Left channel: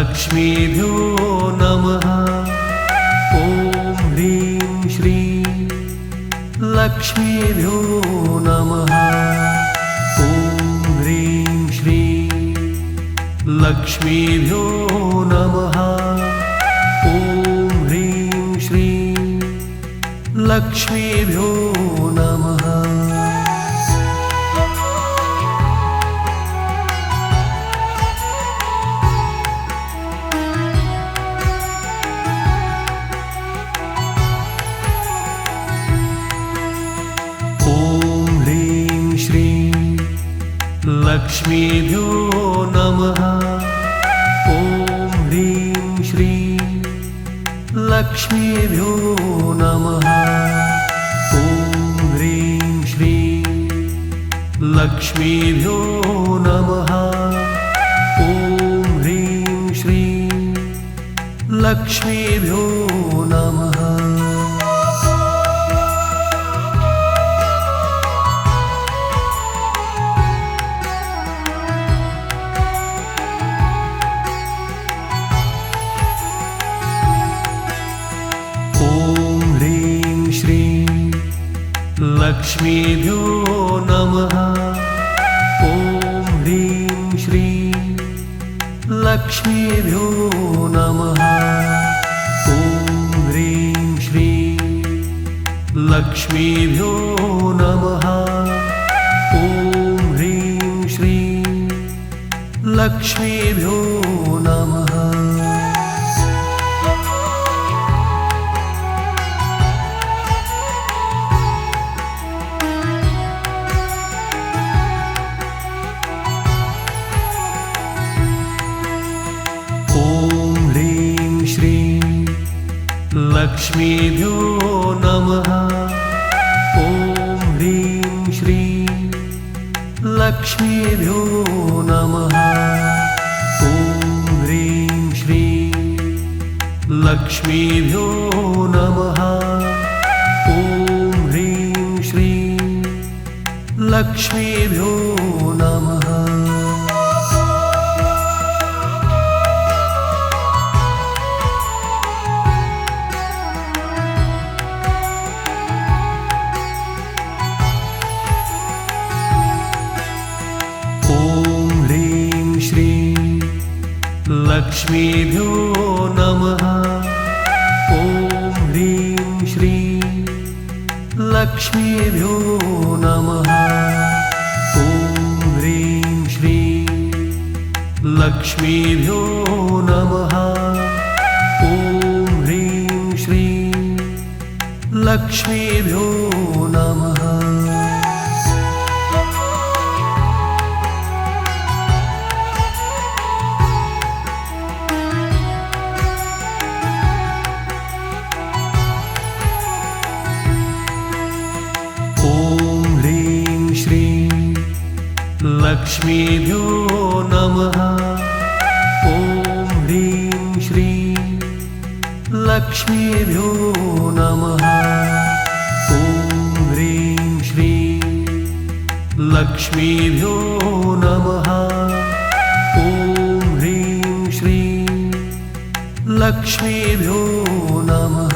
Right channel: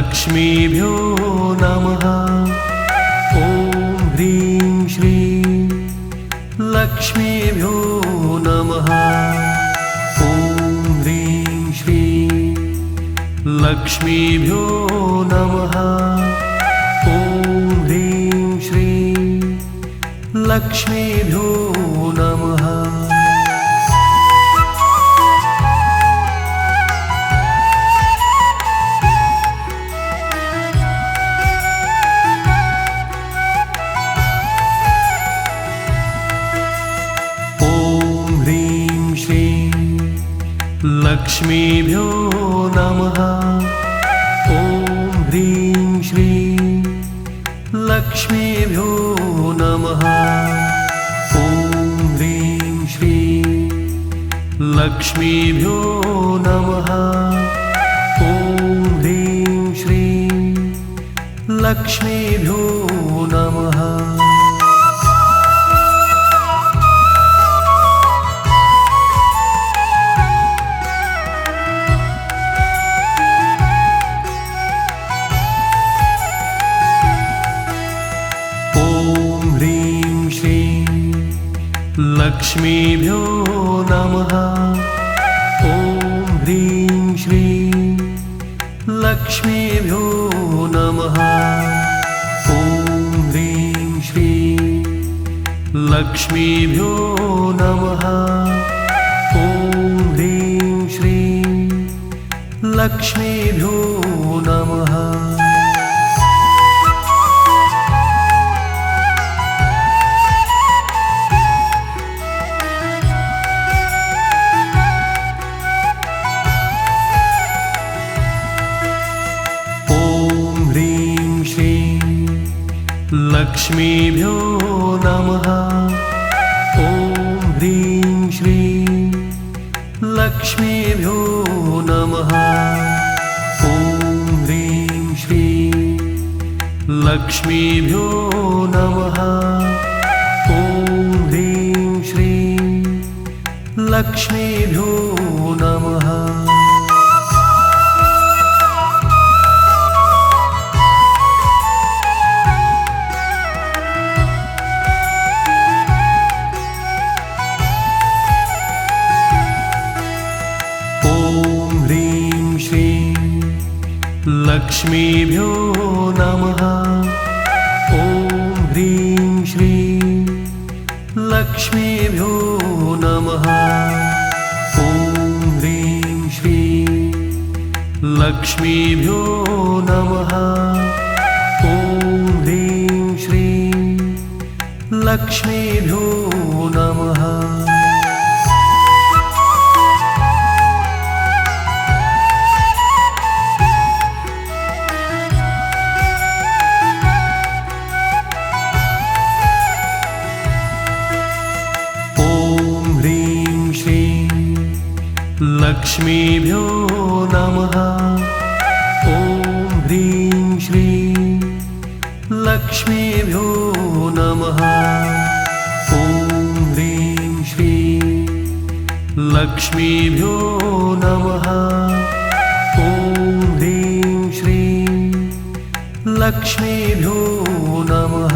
लक्ष्मीभ्यो नमः। ॐ ह्रीं श्रीं लक्ष्मीभ्यो नमः। ॐ ह्रीं श्रीं लक्ष्मीभ्यो नमः। ॐ ह्रीं श्रीं लक्ष्मीभ्यो नमः। लक्ष्मीभ्यो नमः। ॐ ह्रीं श्रीं लक्ष्मीभ्यो नमः। ॐ ह्रीं श्रीं लक्ष्मीभ्यो नमः। ॐ ह्रीं श्रीं लक्ष्मीभ्यो नमः। लक्ष्मीभ्यो नमः। ॐ ह्रीं श्रीं लक्ष्मीभ्यो नमः। ॐ ह्रीं श्रीं लक्ष्मीभ्यो नमः। ॐ ह्रीं श्रीं लक्ष्मीभ्यो नमः। लक्ष्मीभ्यो नमः। ॐ ह्रीं श्रीं लक्ष्मीभ्यो नमः। ॐ ह्रीं श्रीं लक्ष्मीभ्यो नमः। ॐ ह्रीं श्रीं लक्ष्मीभ्यो नमः। लक्ष्मीभ्यो नमः। ॐ ह्रीं श्रीं लक्ष्मीभ्यो नमः। ॐ ह्रीं श्रीं लक्ष्मीभ्यो नमः। ॐ ह्रीं श्रीं लक्ष्मीभ्यो नमः। लक्ष्मीभ्यो नमः। ॐ ह्रीं श्रीं लक्ष्मीभ्यो नमः। ॐ ह्रीं श्रीं लक्ष्मीभ्यो नमः। ॐ ह्रीं श्रीं लक्ष्मीभ्यो नमः।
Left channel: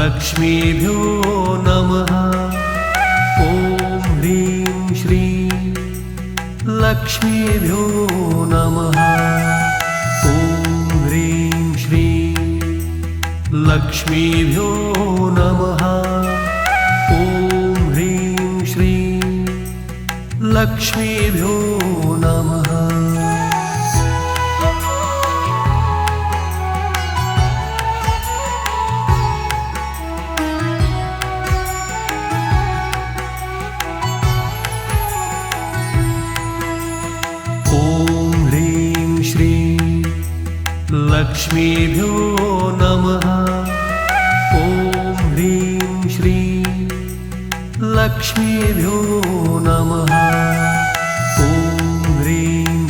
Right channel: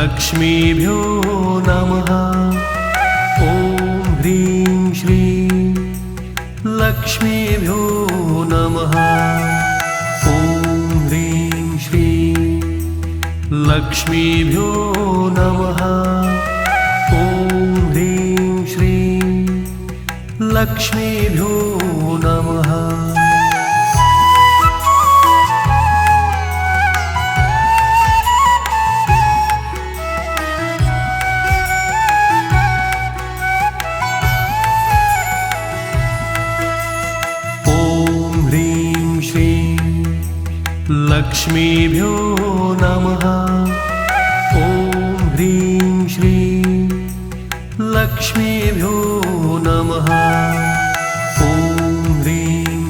लक्ष्मीभ्यो नमः। ॐ ह्रीं श्रीं लक्ष्मीभ्यो नमः। ॐ ह्रीं श्रीं लक्ष्मीभ्यो नमः। ॐ ह्रीं श्रीं लक्ष्मीभ्यो नमः। लक्ष्मीभ्यो नमः। ॐ ह्रीं श्रीं लक्ष्मीभ्यो नमः। ॐ ह्रीं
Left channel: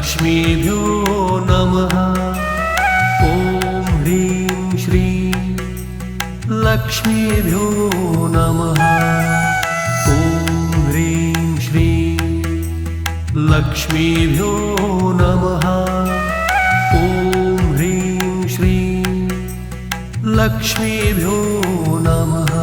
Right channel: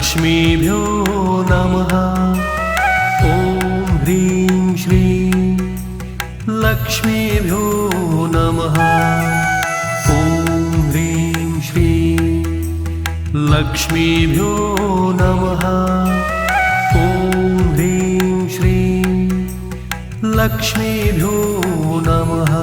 लक्ष्मीभ्यो नमः। ॐ ह्रीं श्रीं लक्ष्मीभ्यो नमः। ॐ ह्रीं श्रीं लक्ष्मीभ्यो नमः। ॐ ह्रीं श्रीं लक्ष्मीभ्यो नमः।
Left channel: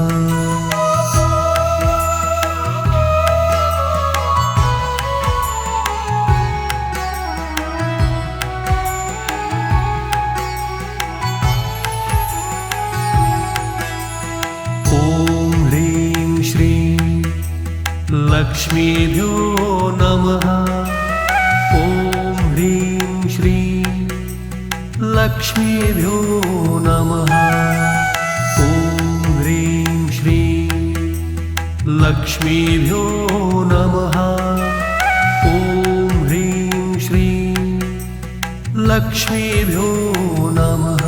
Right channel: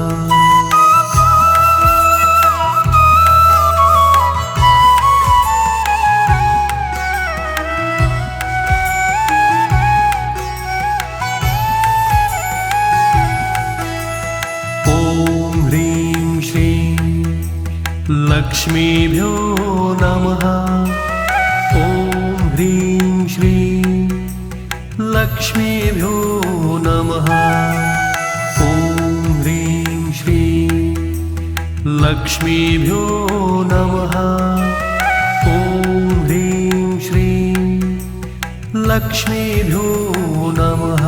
लक्ष्मीभ्यो नमः। ॐ ह्रीं श्रीं लक्ष्मीभ्यो नमः। ॐ ह्रीं श्रीं लक्ष्मीभ्यो नमः। ॐ ह्रीं श्रीं लक्ष्मीभ्यो नमः।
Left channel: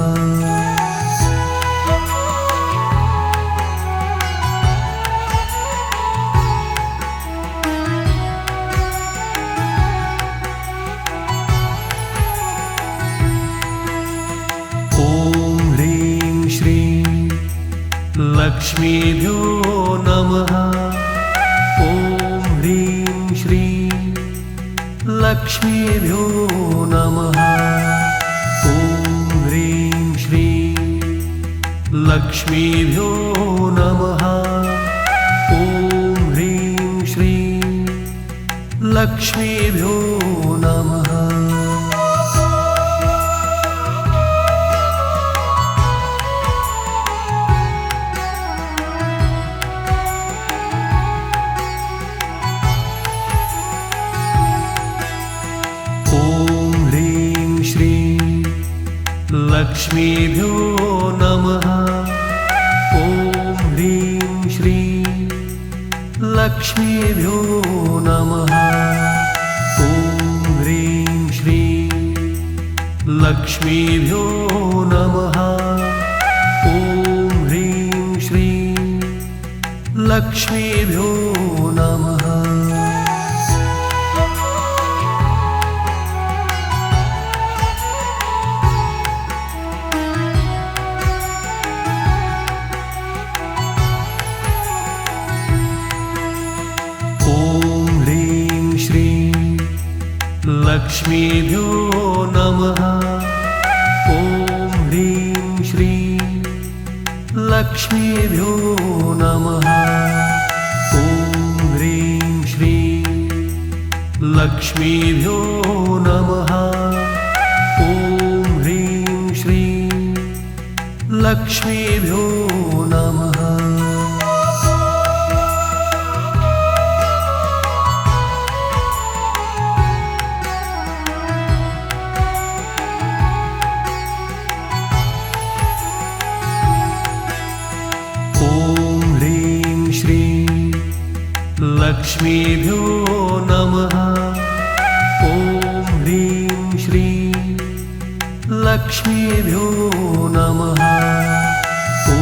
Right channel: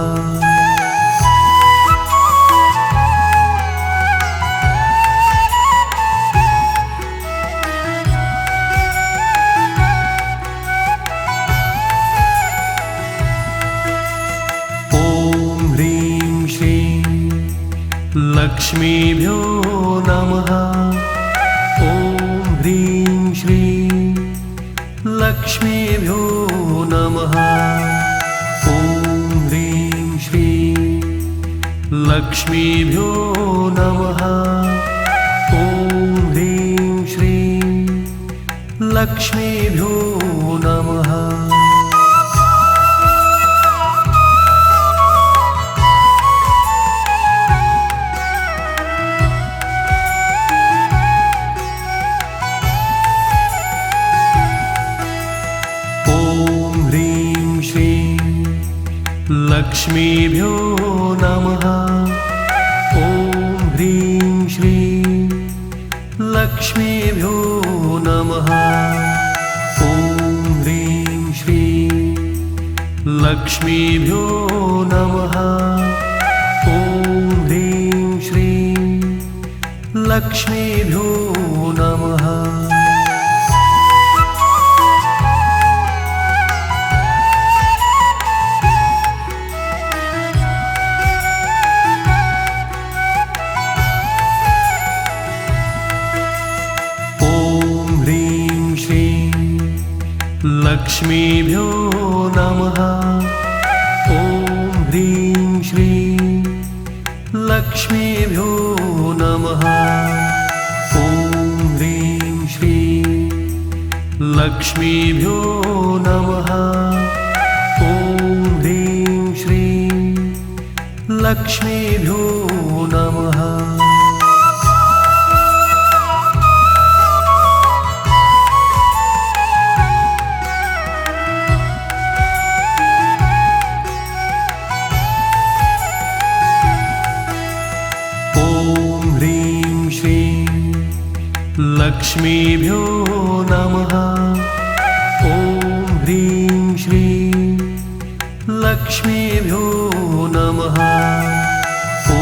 लक्ष्मीभ्यो नमः। ॐ ह्रीं श्रीं लक्ष्मीभ्यो नमः। ॐ ह्रीं श्रीं लक्ष्मीभ्यो नमः। ॐ ह्रीं श्रीं लक्ष्मीभ्यो नमः। लक्ष्मीभ्यो नमः। ॐ ह्रीं श्रीं लक्ष्मीभ्यो नमः। ॐ ह्रीं श्रीं लक्ष्मीभ्यो नमः। ॐ ह्रीं श्रीं लक्ष्मीभ्यो नमः। लक्ष्मीभ्यो नमः। ॐ ह्रीं श्रीं लक्ष्मीभ्यो नमः। ॐ ह्रीं श्रीं लक्ष्मीभ्यो नमः। ॐ ह्रीं श्रीं लक्ष्मीभ्यो नमः। लक्ष्मीभ्यो नमः। ॐ ह्रीं श्रीं लक्ष्मीभ्यो नमः। ॐ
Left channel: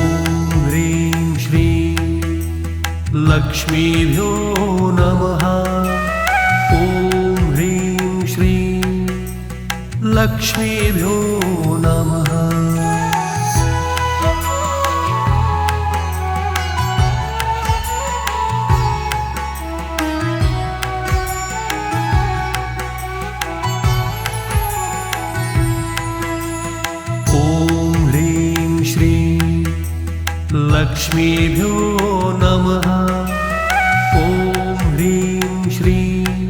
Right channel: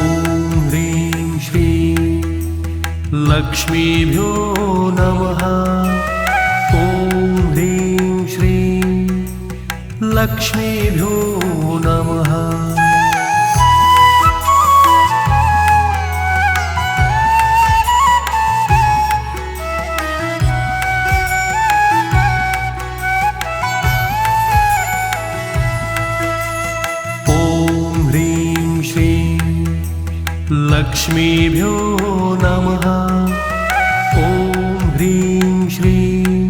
ह्रीं श्रीं लक्ष्मीभ्यो नमः। ॐ ह्रीं श्रीं लक्ष्मीभ्यो नमः। लक्ष्मीभ्यो नमः। ॐ ह्रीं श्रीं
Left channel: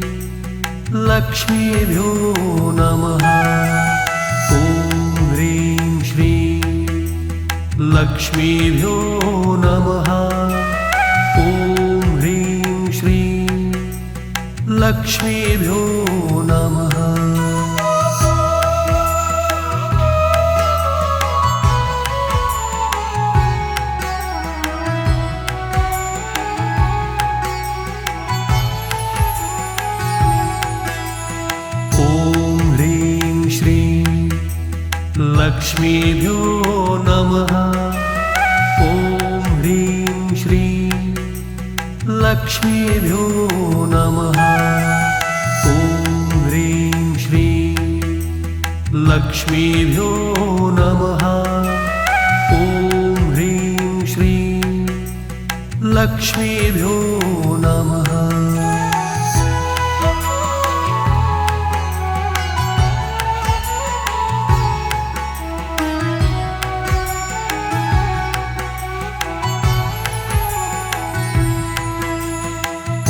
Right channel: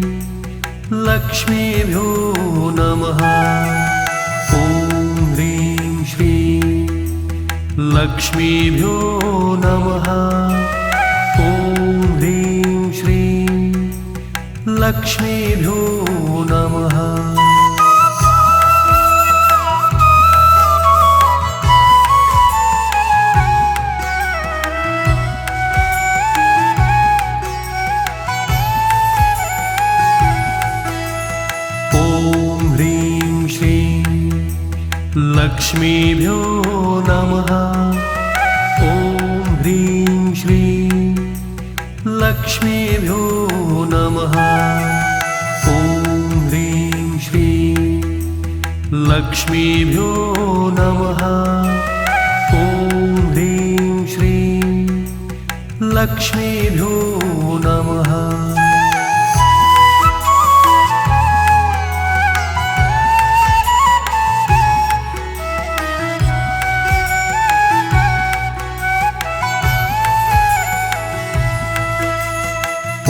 लक्ष्मीभ्यो नमः। ॐ ह्रीं श्रीं लक्ष्मीभ्यो नमः। ॐ ह्रीं श्रीं लक्ष्मीभ्यो नमः। लक्ष्मीभ्यो नमः। ॐ ह्रीं श्रीं लक्ष्मीभ्यो नमः। ॐ ह्रीं श्रीं लक्ष्मीभ्यो नमः। ॐ ह्रीं श्रीं लक्ष्मीभ्यो नमः।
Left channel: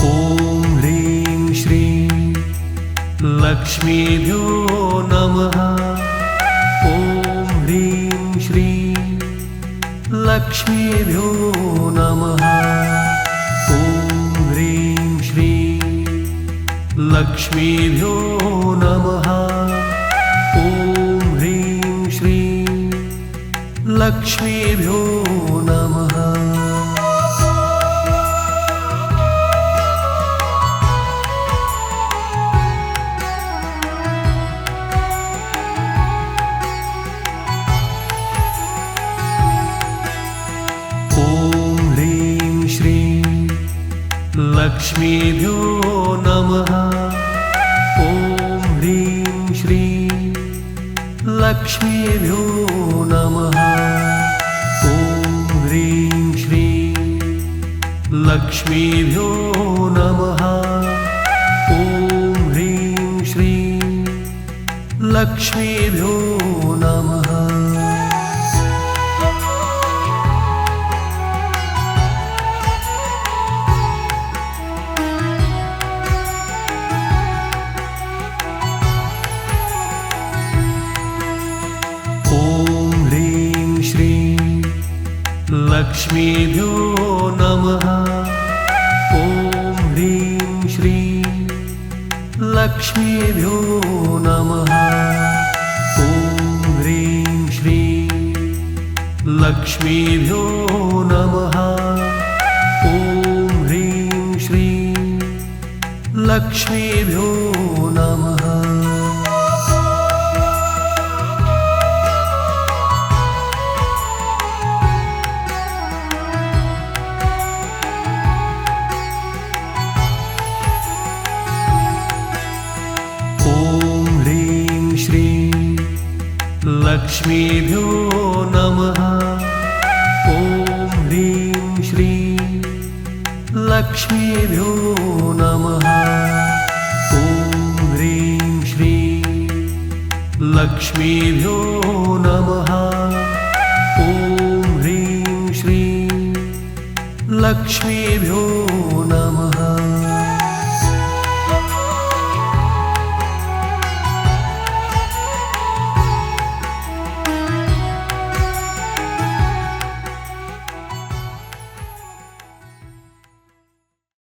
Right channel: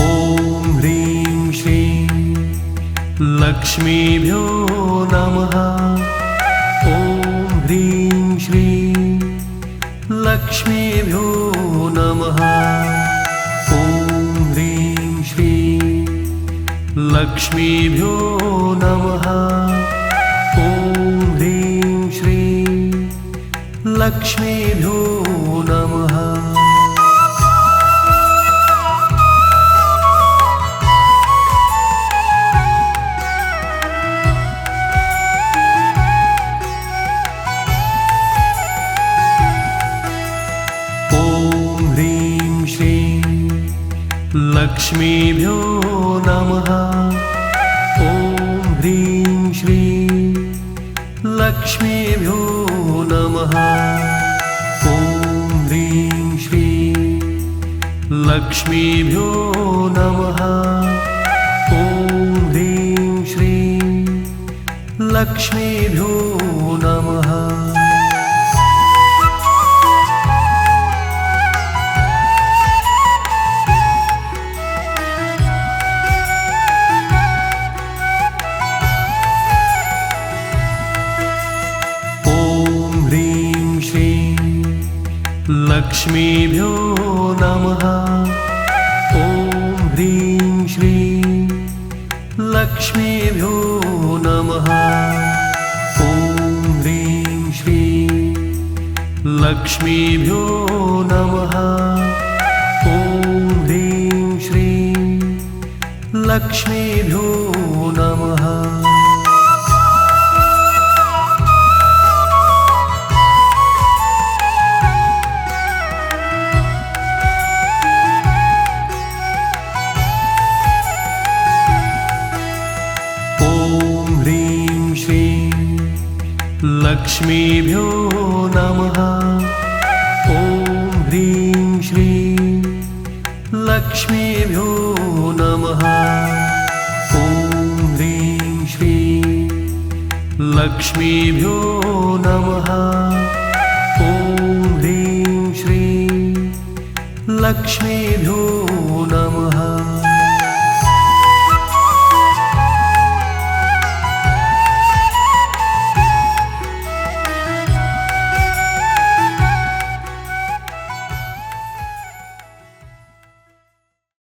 ॐ ह्रीं श्रीं लक्ष्मीभ्यो नमः। ॐ ह्रीं श्रीं लक्ष्मीभ्यो नमः। ॐ ह्रीं श्रीं लक्ष्मीभ्यो नमः। ॐ ह्रीं श्रीं लक्ष्मीभ्यो नमः। ॐ ह्रीं श्रीं लक्ष्मीभ्यो नमः। ॐ ह्रीं श्रीं लक्ष्मीभ्यो नमः। ॐ ह्रीं श्रीं लक्ष्मीभ्यो नमः। ॐ ह्रीं श्रीं लक्ष्मीभ्यो नमः। ॐ ह्रीं श्रीं लक्ष्मीभ्यो नमः। ॐ ह्रीं श्रीं लक्ष्मीभ्यो नमः। ॐ ह्रीं श्रीं लक्ष्मीभ्यो नमः। ॐ ह्रीं श्रीं लक्ष्मीभ्यो नमः। ॐ ह्रीं श्रीं लक्ष्मीभ्यो नमः। ॐ ह्रीं श्रीं लक्ष्मीभ्यो नमः। ॐ ह्रीं श्रीं लक्ष्मीभ्यो नमः। ॐ ह्रीं श्रीं लक्ष्मीभ्यो नमः।